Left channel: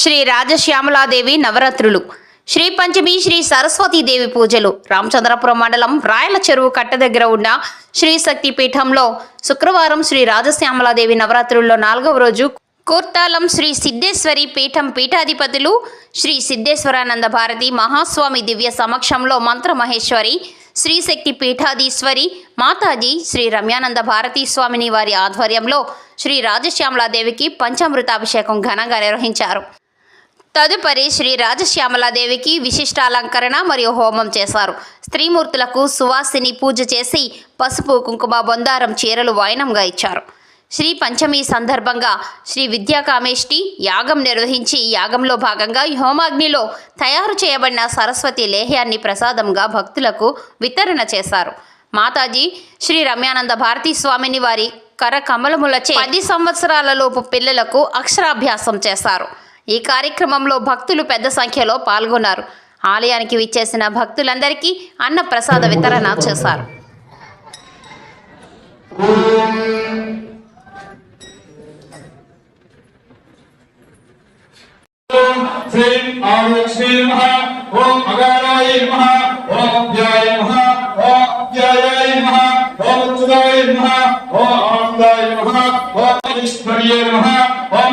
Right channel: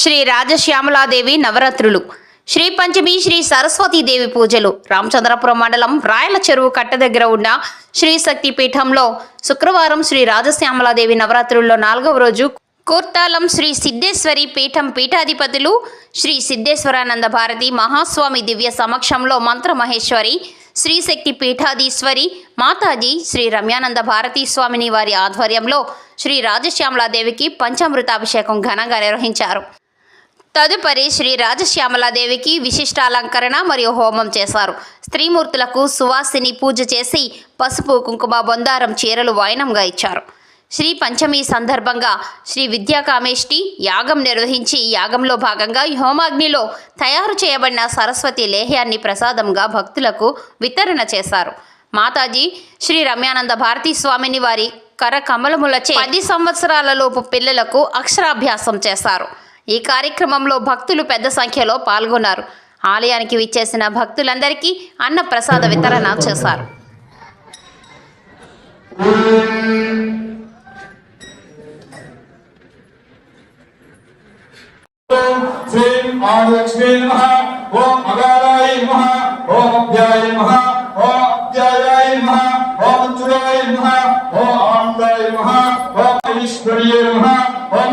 శ్రీ రాజశ్యామలాదేవి నవరాత్రులు. శ్రీ పంచమి శ్రీ సరస్వతీదేవి పూజలు. రామచంద్రపురం మండలం రాయల చెరువు కట్ట దగ్గర ఉన్న శ్రీ శక్తి పీఠంలో శుక్రవారం శ్రీ రాజశ్యామలాదేవి నవరాత్రుల్లో నాలుగవ రోజు కూర్తాలం శ్రీ సిద్ధేశ్వరి పీఠం పీఠాధిపతులు శ్రీ సిద్ధేశ్వరానంద భారతి మహాస్వామి దివ్య సమక్షంలో మంత్ర మహేశ్వరి శ్రీశక్తి పీఠాధీశ్వరి మాతాజీ శ్రీ రమ్యానంద భారతీ స్వామిని వారి ఆధ్వర్యంలో శ్రీ రాజశ్యామలాదేవికి పంచామృతాభిషేకం ఘనంగా నిర్వహించారు. తదుపరి శ్రీ రాజశ్యామలాదేవికి విశిష్టాలంకరణ మరియు హోమం చేశారు. స్త్రీమూర్తులకు సువాసిని పూజ చేసి పసుపు కుంకుమ బొందారం చీరలు వాయనంగా ఇచ్చారు. శ్రీ పంచమి సందర్భంగా శ్రీ విద్యాకామేష్టి యాగం నిర్వహించి యాగంలో భాగంగా హోమాగ్నిలో తయారు చేయబడిన సరస్వతి లేహ్యాన్ని ప్రసాదంగా భక్తులకు వితరణ చేశారు. మాతాజీ శ్రీ రమ్యానంద భారతీ స్వామిని వారి కర కమలములచే పది సంవత్సరాలలోపు పిల్లలకు అక్షరాభ్యాసం చేశారు. ఈ కార్యక్రమంలో భక్తులు పెద్ద సంఖ్యలో పాల్గొన్నారు. ఆలయానికి విచ్చేసిన భక్తులందరికీ అన్న ప్రసాద వితరణ చేశారు. ఓం నమః ఓం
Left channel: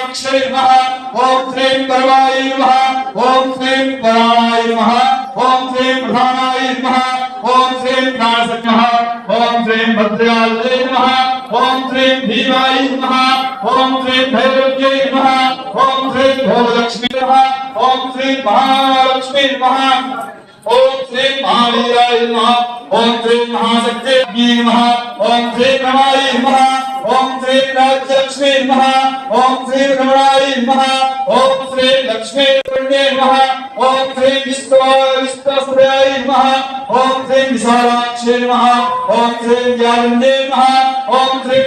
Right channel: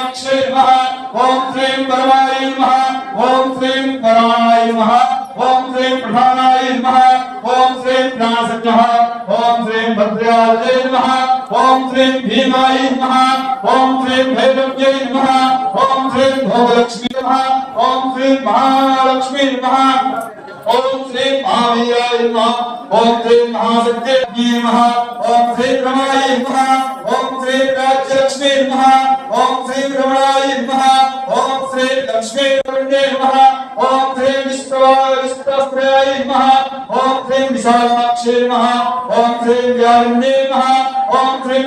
इक्षय ओम ओम ओम ओम ओम श्रीं भद्राय नमः ओम श्रीं भीमाय नमः ओम श्रीं भैरव्यै नमः ओम श्रीं ओम श्रीं महालक्ष्मी नमः ओम श्री महावीराय नमः ओम श्री महाशक्ति ओम श्री प्रणाय नमः त्रयम्बे नमः ॐ ह्रीं विश्वस्तस्त्राय नमः ॐ ह्रीं विशालाक्षे नमः ॐ ह्रीं व्यालिन्ये नमः ॐ ह्रीं